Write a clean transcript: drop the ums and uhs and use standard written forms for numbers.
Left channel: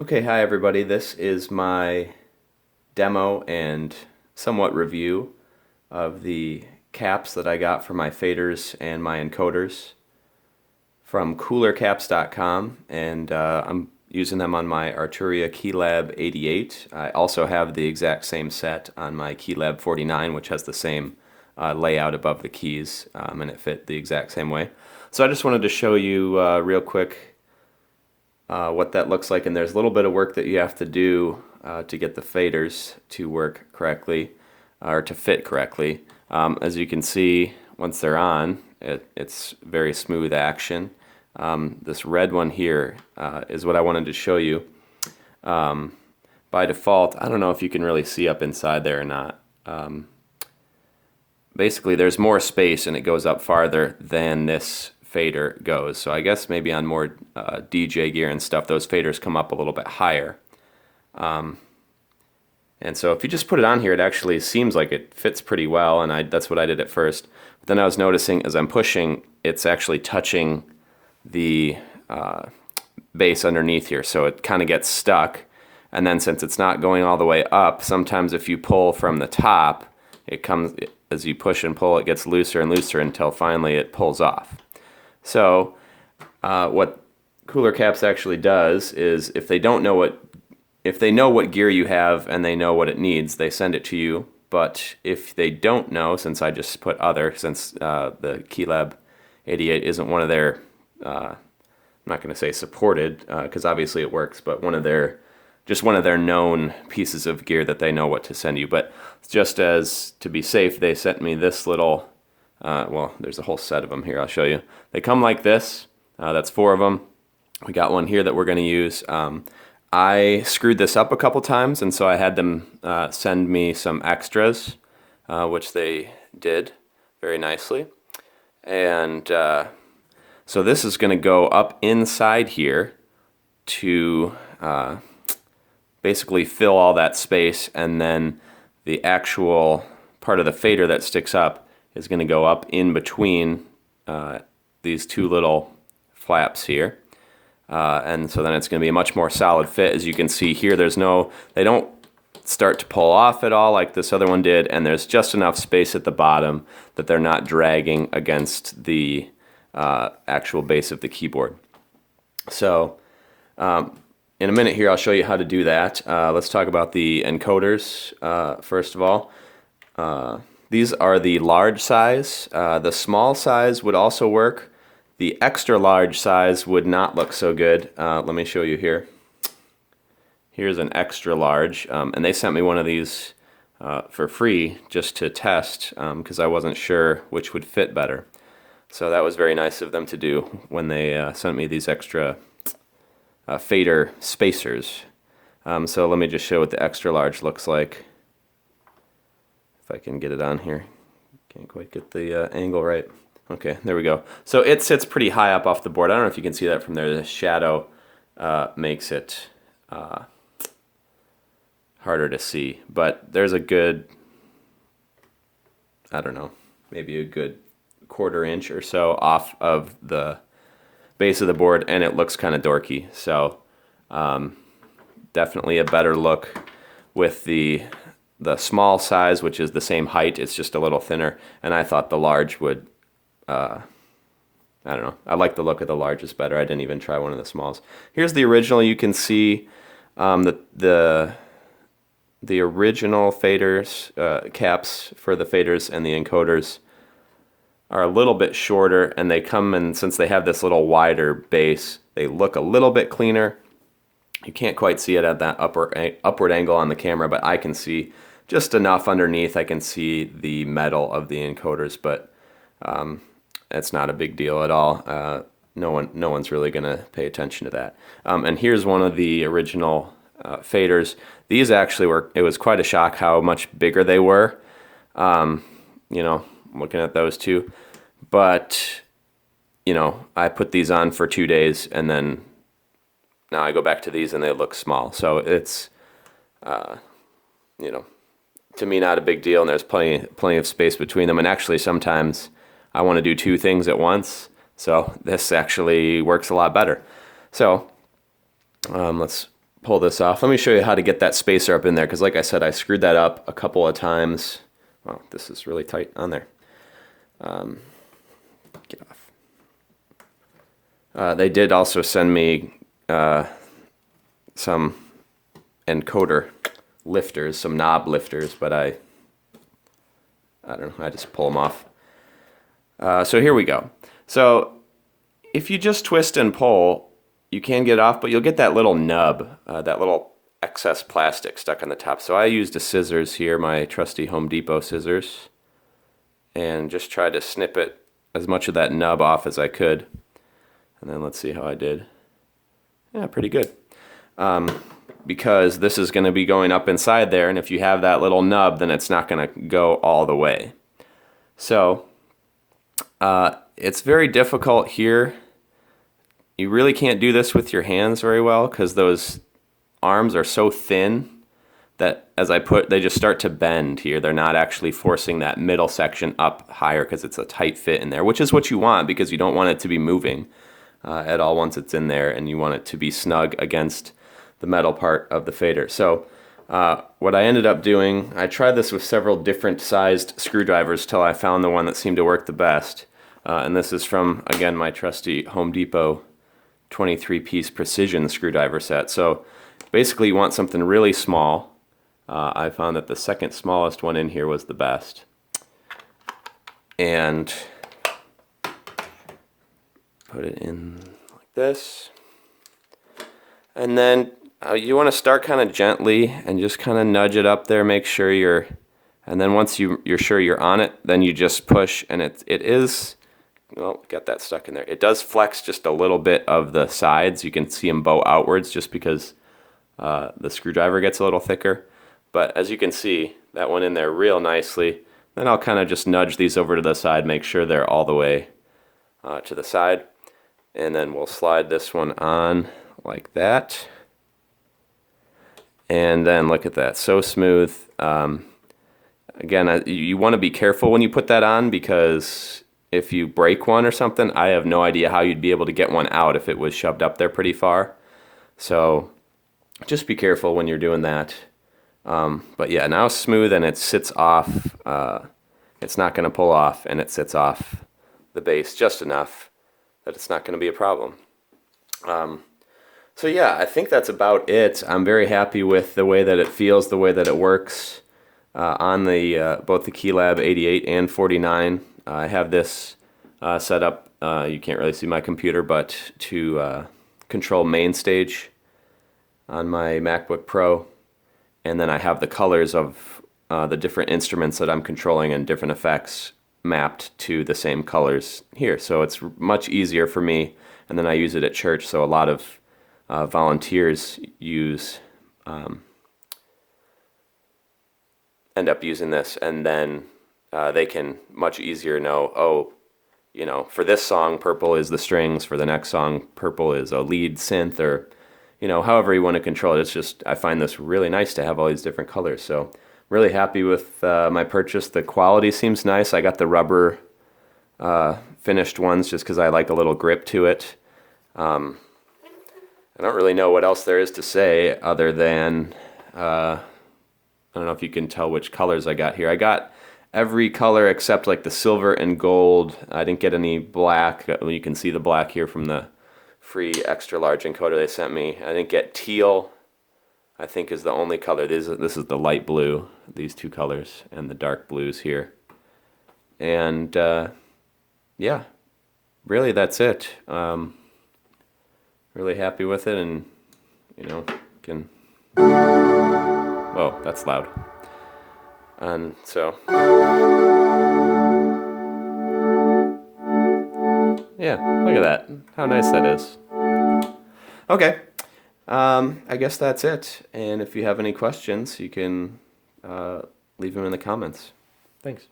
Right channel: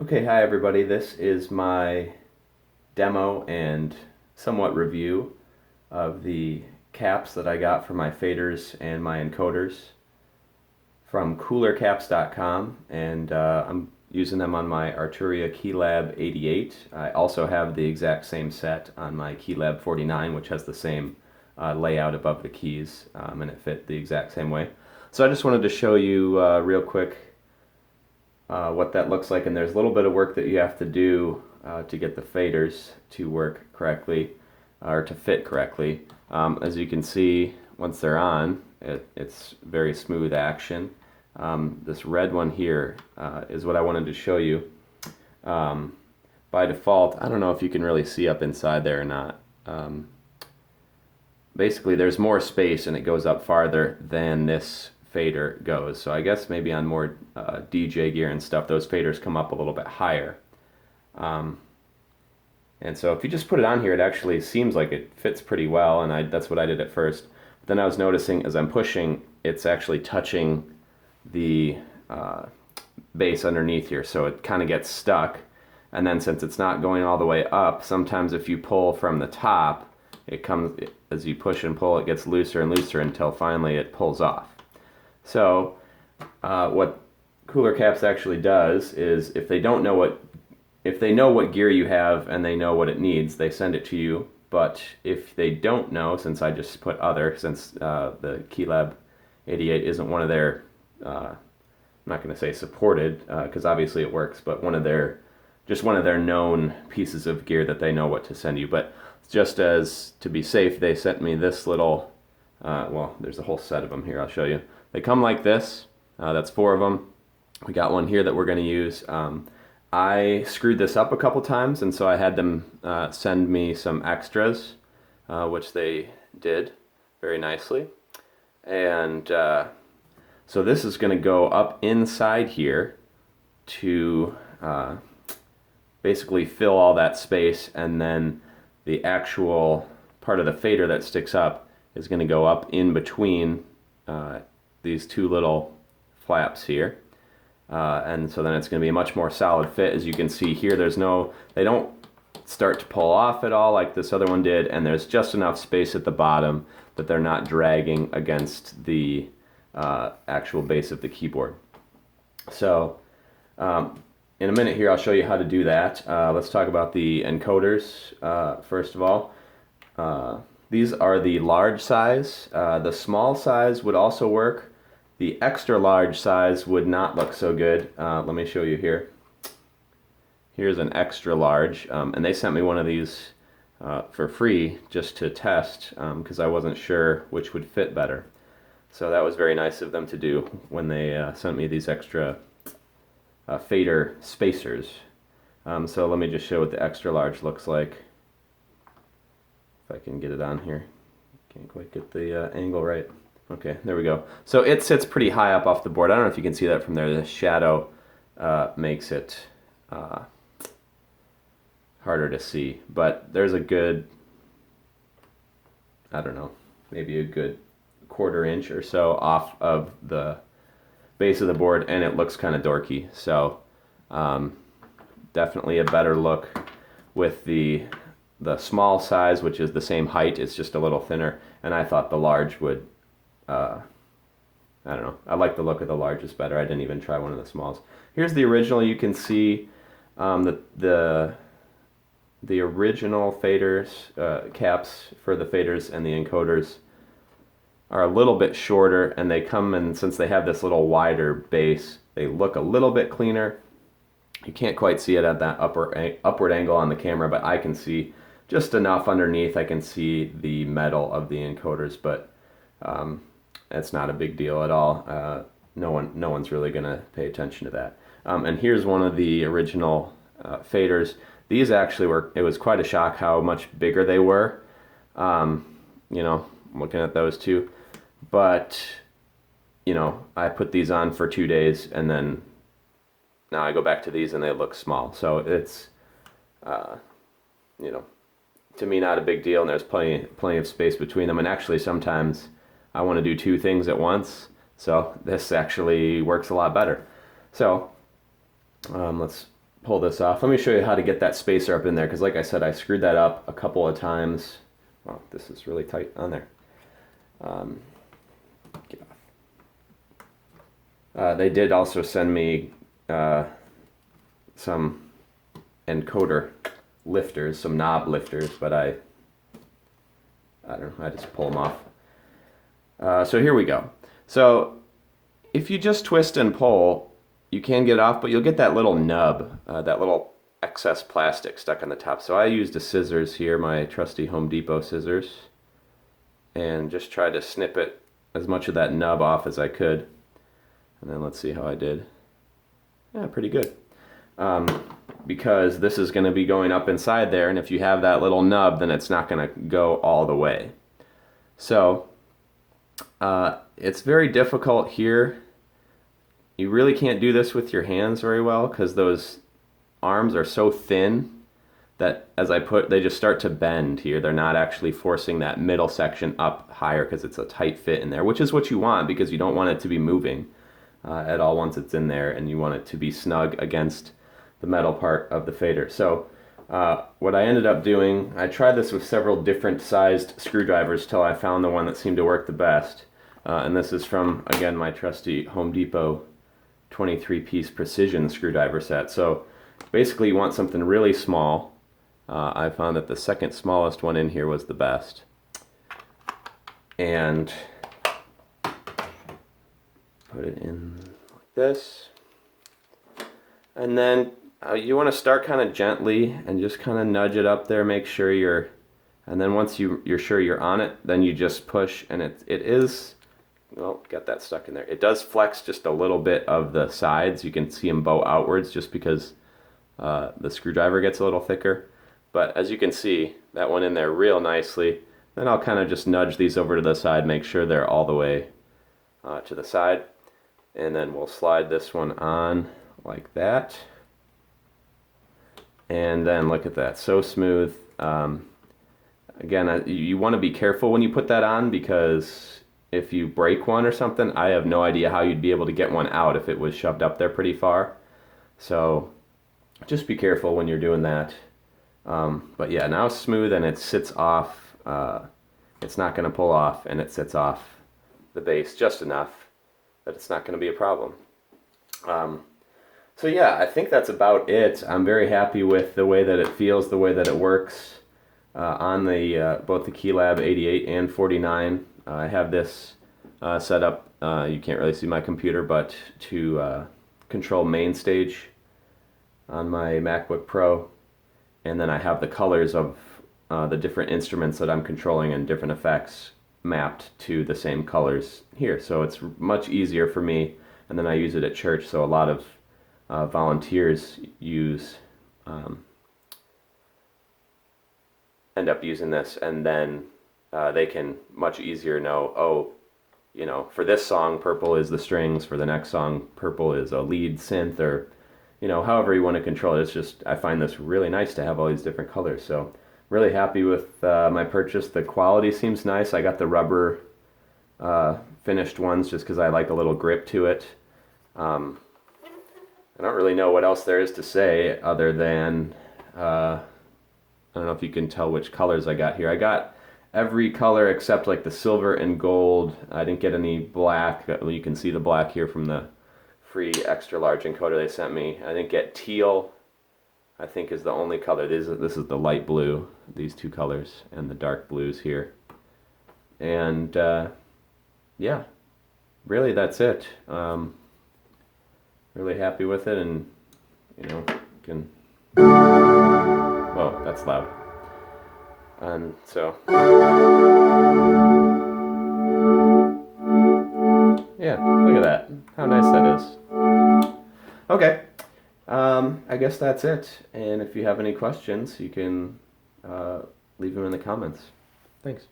Okay, hi everybody. This is my demo and somewhat review of the caps that I got for my faders and my encoders from CoolorCaps.com, and I'm using them on my Arturia Keylab 88. I also have the exact same set on my Keylab 49, which has the same layout above the keys, and it fit the exact same way. So I just wanted to show you real quick what that looks like, and there's a little bit of work that you have to do to get the faders to work correctly or to fit correctly. As you can see, once they're on, it's very smooth action. This red one here is what I wanted to show you. By default, I don't know if you can really see up inside there or not. Basically, there's more space and it goes up farther than this fader goes. So I guess maybe on more DJ gear and stuff, those faders come up a little bit higher. And so if you just put it on here, it actually seems like it fits pretty well, and that's what I did at first. But then I was noticing as I'm pushing, it's actually touching the base underneath here, so it kind of gets stuck. And then since it's not going all the way up, sometimes if you pull from the top, it comes, as you push and pull, it gets looser and looser until finally it pulls off. So what CoolorCaps actually does is if they know what gear you have and they know what it needs, they send it to you. But if they don't know, since I just put other, since the Keylab 88 isn't one of their, I'm not going to say supported, because obviously it works, but just one of their known pieces of gear that they know what to send you. But just as to be safe, they sent me this little, well, there's a whole set of them here, I'll show you. They come like this, that's 4 of them. We got one here that we're going to use. I screwed this up a couple times, and so I had them send me some extras, which they did very nicely. And so this is going to go up inside here to basically fill all that space, and then the actual part of the fader that sticks up is going to go up in between these 2 little flaps here. And so then it's going to be a much more solid fit. As you can see here, they don't start to pull off at all like this other one did, and there's just enough space at the bottom that they're not dragging against the actual base of the keyboard. So in a minute here, I'll show you how to do that. Let's talk about the encoders first of all. These are the large size. The small size would also work. The extra large size would not look so good. Let me show you here. Here's an extra large, and they sent me one of these for free just to test because I wasn't sure which would fit better. So that was very nice of them to do when they sent me these extra fader spacers. So let me just show what the extra large looks like. If I can get it on here. Can't quite get the angle right. Okay, there we go. So it sits pretty high up off the board. I don't know if you can see that from there. The shadow makes it harder to see. But there's a good, I don't know, maybe a good 1/4 inch or so off of the base of the board, and it looks kind of dorky. So definitely a better look with the small size, which is the same height. It's just a little thinner, and I thought the large would I don't know. I like the look of the largest better. I didn't even try one of the smalls. Here's the original. You can see the original faders, caps for the faders and the encoders are a little bit shorter, and they come in, since they have this little wider base, they look a little bit cleaner. You can't quite see it at that upward angle on the camera, but I can see just enough underneath. I can see the metal of the encoders, but it's not a big deal at all. No one's really gonna pay attention to that. And here's one of the original faders. These actually it was quite a shock how much bigger they were. You know, looking at those two. But, you know, I put these on for 2 days, and then now I go back to these and they look small. So it's, you know, to me, not a big deal, and there's plenty of space between them. And actually, sometimes I want to do 2 things at once, so this actually works a lot better. So let's pull this off. Let me show you how to get that spacer up in there, because like I said, I screwed that up a couple of times. Wow, this is really tight on there. Get off. They did also send me some encoder lifters, some knob lifters, but I don't know, I just pull them off. So here we go. So if you just twist and pull, you can get off, but you'll get that little nub, that little excess plastic stuck on the top. So I used a scissors here, my trusty Home Depot scissors, and just tried to snip it as much of that nub off as I could. And then let's see how I did. Yeah, pretty good. Because this is going to be going up inside there, and if you have that little nub, then it's not going to go all the way. So it's very difficult here. You really can't do this with your hands very well because those arms are so thin that as I put, they just start to bend here. They're not actually forcing that middle section up higher because it's a tight fit in there, which is what you want because you don't want it to be moving at all once it's in there, and you want it to be snug against the metal part of the fader. So what I ended up doing, I tried this with several different sized screwdrivers till I found the one that seemed to work the best. And this is from, again, my trusty Home Depot 23-piece precision screwdriver set. So basically you want something really small. I found that the second smallest one in here was the best. And put it in like this. And then you want to start kind of gently and just kind of nudge it up there, make sure you're, and then once you're sure you're on it, then you just push, and it is, well, got that stuck in there. It does flex just a little bit of the sides. You can see them bow outwards just because the screwdriver gets a little thicker. But as you can see, that went in there real nicely. Then I'll kind of just nudge these over to the side, make sure they're all the way to the side. And then we'll slide this one on like that. And then look at that, so smooth. Again, you want to be careful when you put that on because if you break one or something, I have no idea how you'd be able to get one out if it was shoved up there pretty far. So just be careful when you're doing that. But yeah, now it's smooth and it sits off. It's not going to pull off, and it sits off the base just enough that it's not going to be a problem. So yeah, I think that's about it. I'm very happy with the way that it feels, the way that it works on the both the Keylab 88 and 49. I have this set up, you can't really see my computer, but to control main stage on my MacBook Pro. And then I have the colors of the different instruments that I'm controlling and different effects mapped to the same colors here. So it's much easier for me. And then I use it at church, so a lot of volunteers end up using this, and then they can much easier know, oh, you know, for this song, purple is the strings, for the next song, purple is a lead synth, or, you know, however you want to control it. It's just, I find this really nice to have all these different colors. So really happy with my purchase. The quality seems nice. I got the rubber finished ones just because I like a little grip to it. I don't really know what else there is to say other than, I don't know if you can tell which colors I got here. I got every color except like the silver and gold. I didn't get any black. You can see the black here from the free extra large encoder they sent me. I didn't get teal, I think is the only color. This is the light blue, these two colors, and the dark blues here. And yeah, really that's it. Really happy with it, and you know, can, whoa, that's loud. And so yeah, look at that, how nice that is. Okay, I guess that's it, and if you have any questions, you can leave them in the comments. Thanks.